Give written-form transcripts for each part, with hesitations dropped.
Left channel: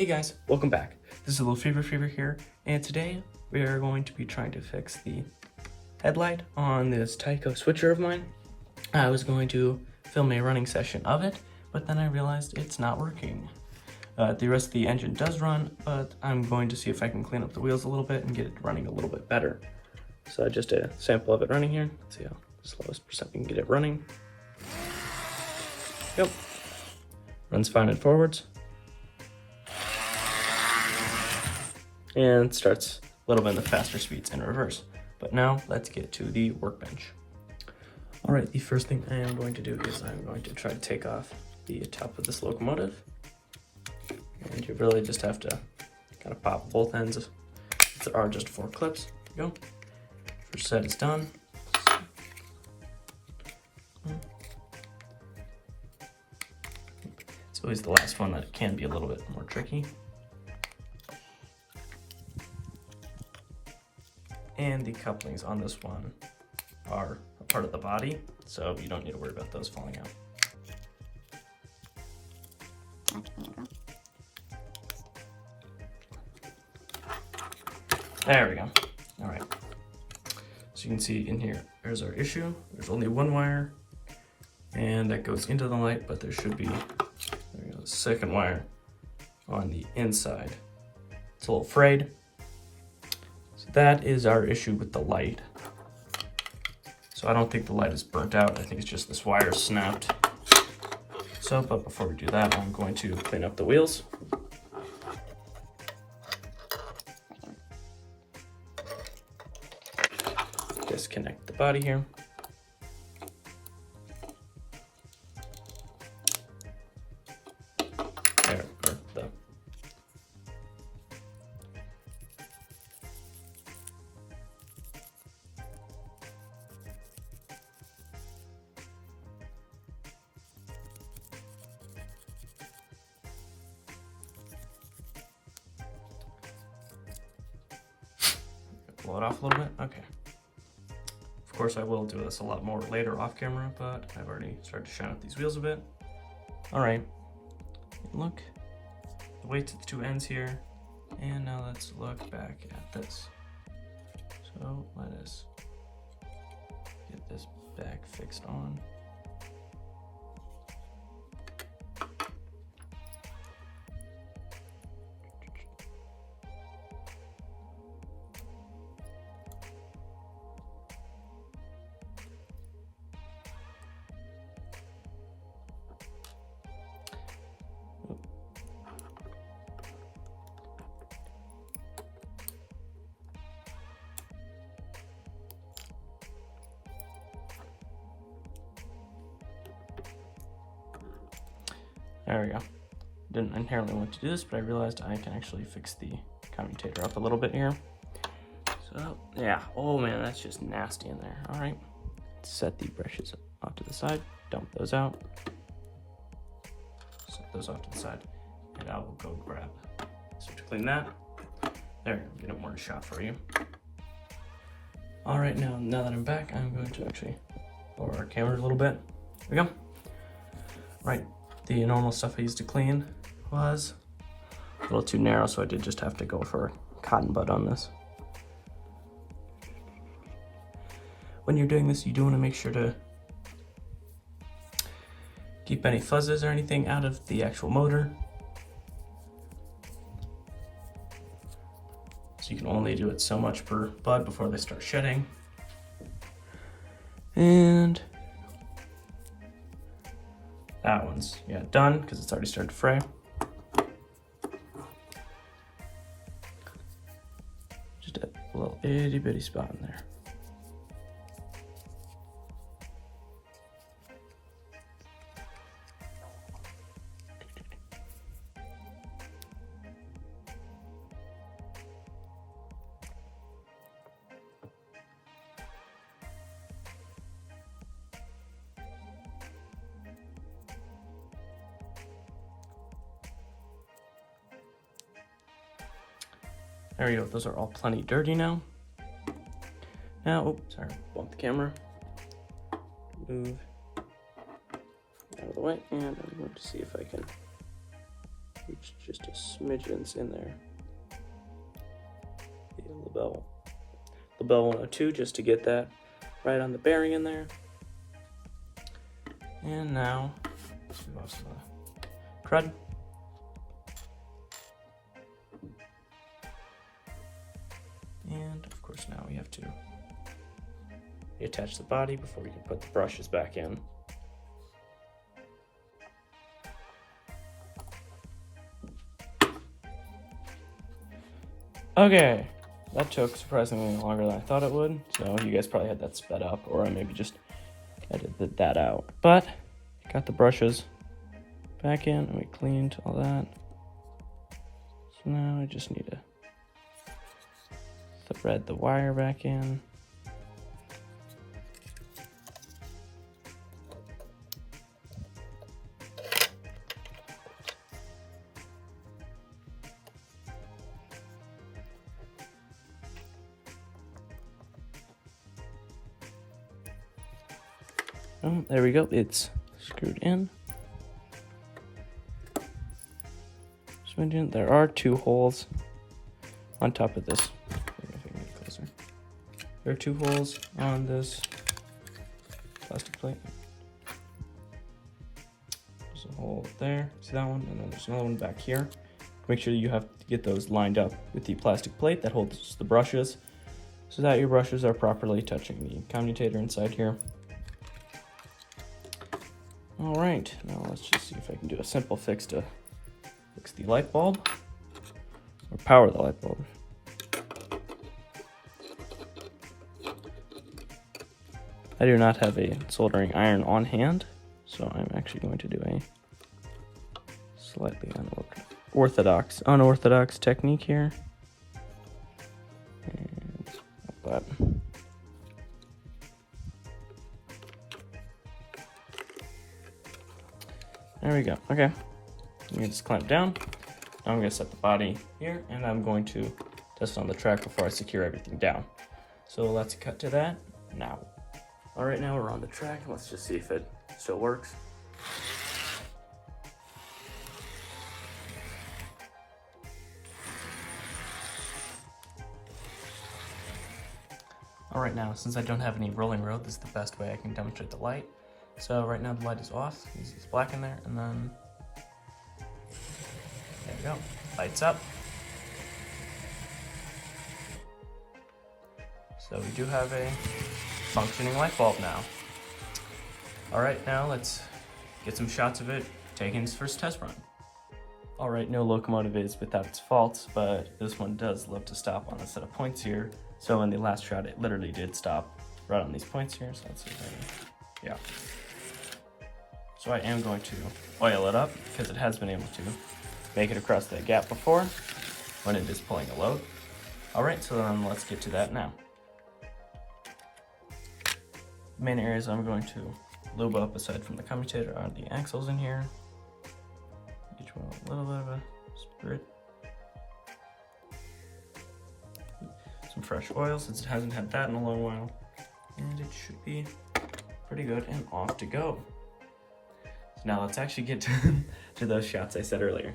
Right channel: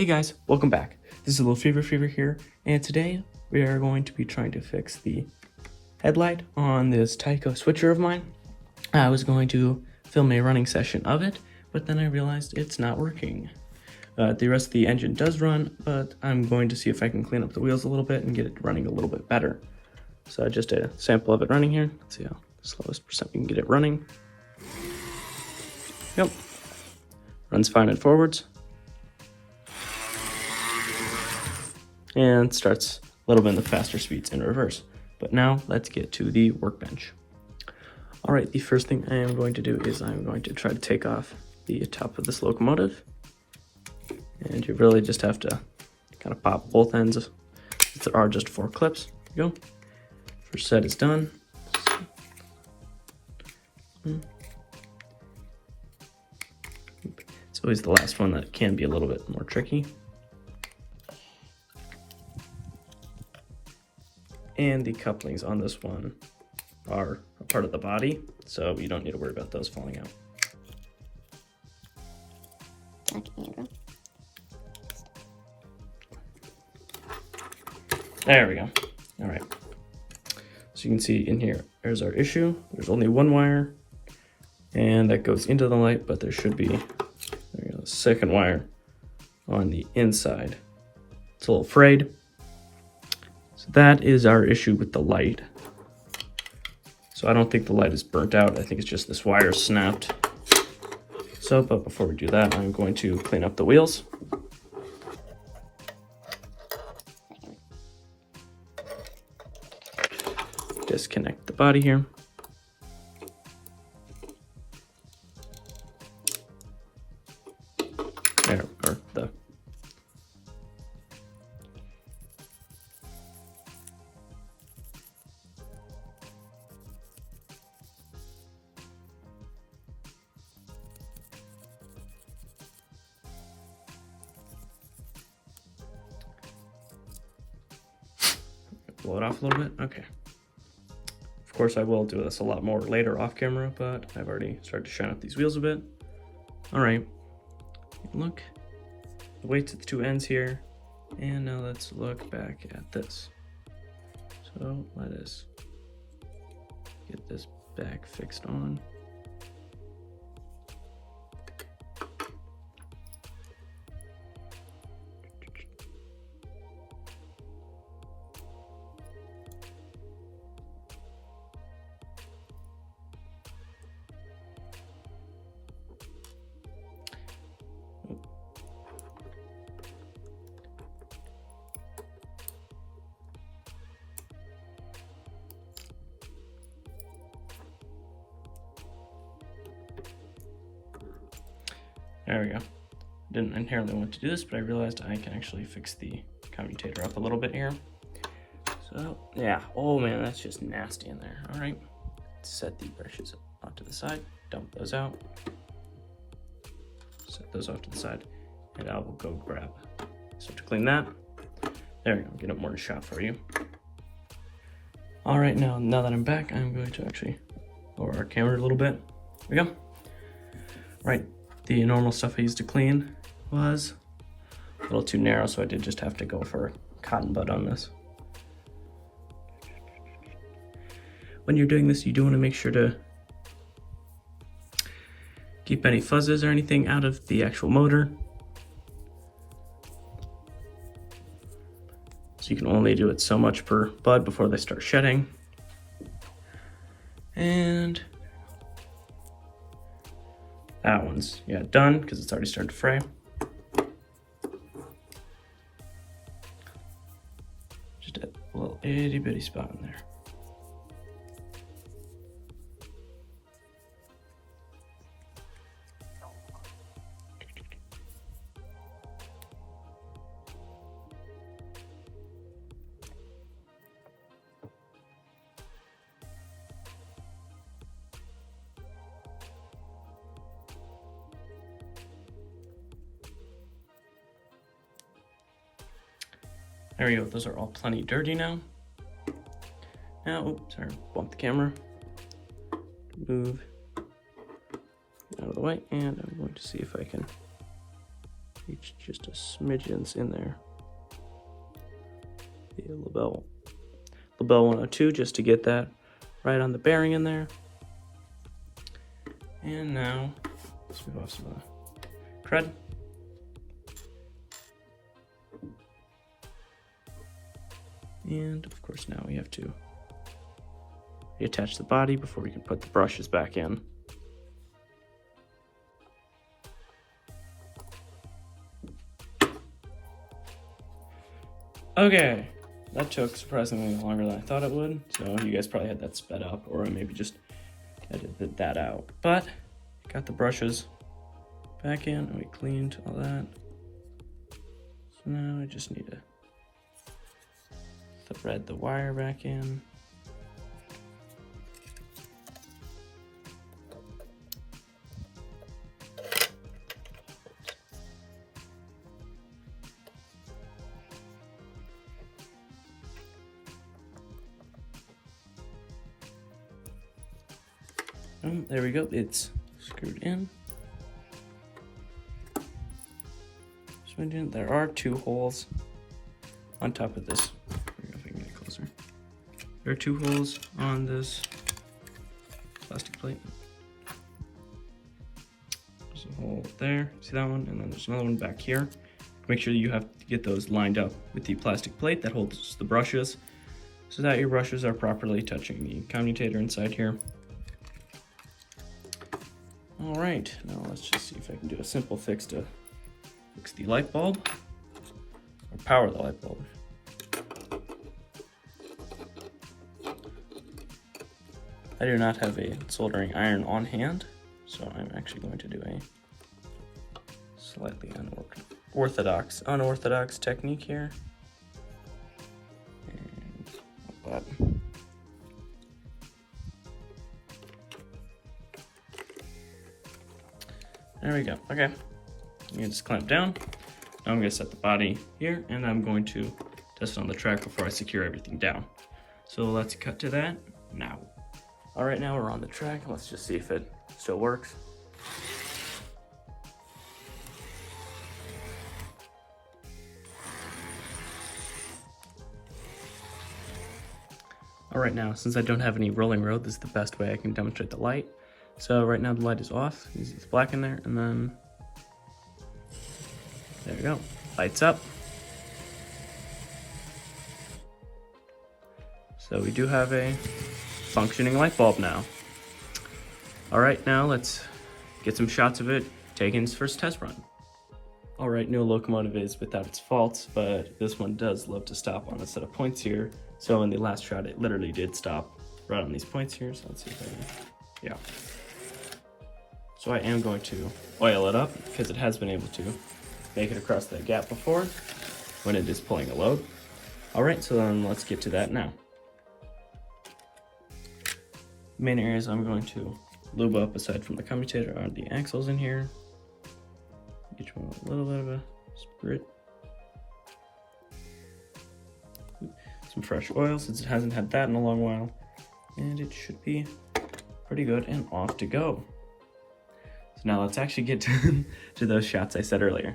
Hey guys, welcome back. This is a little Fever here, and today we are going to be trying to fix the headlight on this Tyco Switcher of mine. I was going to film a running session of it, but then I realized it's not working. The rest of the engine does run, but I'm going to see if I can clean up the wheels a little bit and get it running a little bit better. So just a sample of it running here. Let's see how slowest percent we can get it running. Yep. Runs fine in forwards. And starts a little bit in the faster speeds in reverse. But now let's get to the workbench. All right, the first thing I am going to do is I'm going to try to take off the top of this locomotive. And you really just have to kind of pop both ends. There are just 4 clips. There you go. First set is done. It's always the last one that can be a little bit more tricky. And the couplings on this one are a part of the body, so you don't need to worry about those falling out. There we go. All right. So you can see in here, there's our issue. There's only one wire, and that goes into the light, but there should be a second wire on the inside. It's a little frayed. So that is our issue with the light. So I don't think the light is burnt out. I think it's just this wire snapped. So, but before we do that, I'm going to clean up the wheels. Disconnect the body here. There are the blow it off a little bit. Okay. Of course, I will do this a lot more later off camera, but I've already started to shine up these wheels a bit. All right, look, the weights at the 2 ends here. And now let's look back at this. So let us get this back fixed on. There we go. Didn't inherently want to do this, but I realized I can actually fix the commutator up a little bit here. So, yeah. Oh man, that's just nasty in there. All right. Set the brushes off to the side. Dump those out. Set those off to the side. And I will go grab. So to clean that, there we go. Get it more in shot for you. All right, now that I'm back, I'm going to actually lower our camera a little bit. There we go. Right. The normal stuff I used to clean was a little too narrow, so I did just have to go for a cotton bud on this. When you're doing this, you do want to make sure to keep any fuzzes or anything out of the actual motor. So you can only do it so much per bud before they start shedding. And that one's, done because it's already started to fray. Just a little itty bitty spot in there. There we go, those are all plenty dirty now. Now, oh, sorry, bump the camera. Move out of the way, and I'm going to see if I can just a smidgen's in there. The LaBelle 102, just to get that right on the bearing in there. And now, let's move off some crud. And of course now we have to reattach the body before we can put the brushes back in. Okay, that took surprisingly longer than I thought it would, so you guys probably had that sped up, or I maybe just edited that out. But got the brushes back in and we cleaned all that. So now I just need to thread the wire back in. Oh, there we go, it's screwed in. There are 2 holes on top of this. There are 2 holes on this plastic plate. There's a hole there, see that one? And then there's another one back here. Make sure that you have to get those lined up with the plastic plate that holds the brushes, so that your brushes are properly touching the commutator inside here. All right, now let's just see if I can do a simple fix to fix the light bulb, or power the light bulb. I do not have a soldering iron on hand, so I'm actually going to do a slightly unorthodox technique here. And like that. There we go, okay. Let me just clamp down. Now I'm gonna set the body here, and I'm going to test on the track before I secure everything down. So let's cut to that now. All right, now we're on the track, and let's just see if it still works. All right, now, since I don't have any rolling road, this is the best way I can demonstrate the light. So right now the light is off, you see it's black in there, and then there we go, lights up. So we do have a functioning light bulb now. All right, now let's get some shots of it taking its first test run. All right, no locomotive is without its faults, but this one does love to stop on a set of points here. So in the last shot, it literally did stop right on these points here. So let's see if I can, yeah. So I am going to oil it up because it has been able to make it across that gap before when it is pulling a load. All right, so then let's get to that now. The main areas I'm going to lube up aside from the commutator are the axles in here. Each one with a little bit of a sprit. Some fresh oil since it hasn't had that in a long while. And it should be pretty good and off to go. So now let's actually get to those shots I said earlier.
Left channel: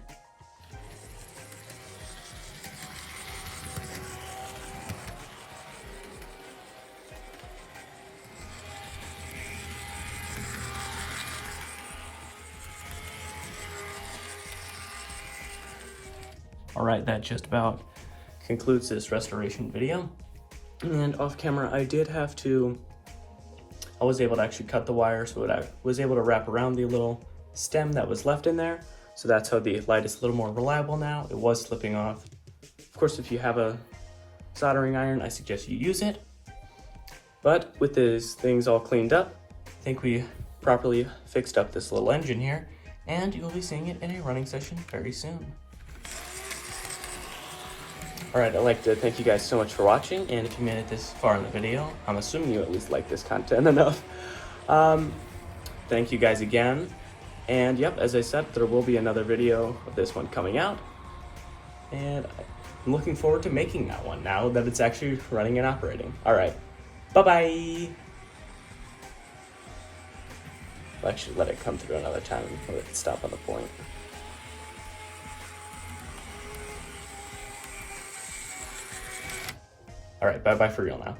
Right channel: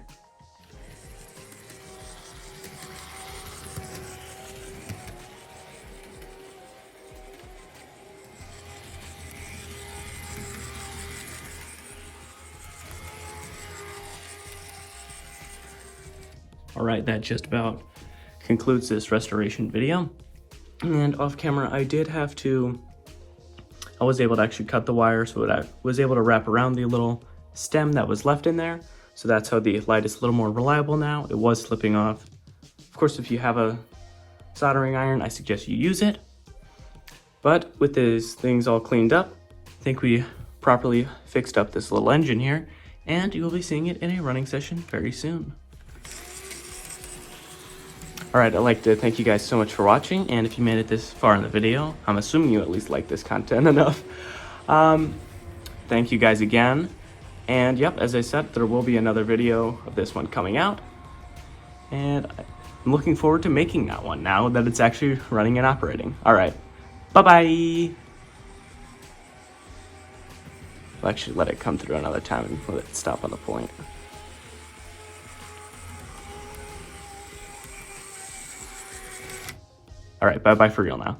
All right, that just about concludes this restoration video. And off camera, I was able to actually cut the wire so that I was able to wrap around the little stem that was left in there. So that's how the light is a little more reliable now. It was slipping off. Of course, if you have a soldering iron, I suggest you use it. But with these things all cleaned up, I think we properly fixed up this little engine here, and you will be seeing it in a running session very soon. All right, I'd like to thank you guys so much for watching, and if you made it this far in the video, I'm assuming you at least like this content enough. Thank you guys again, and yep, as I said, there will be another video of this one coming out, and I'm looking forward to making that one now that it's actually running and operating. All right, bye-bye. I'll actually let it come through another time and let it stop on a point. All right, bye-bye for real now.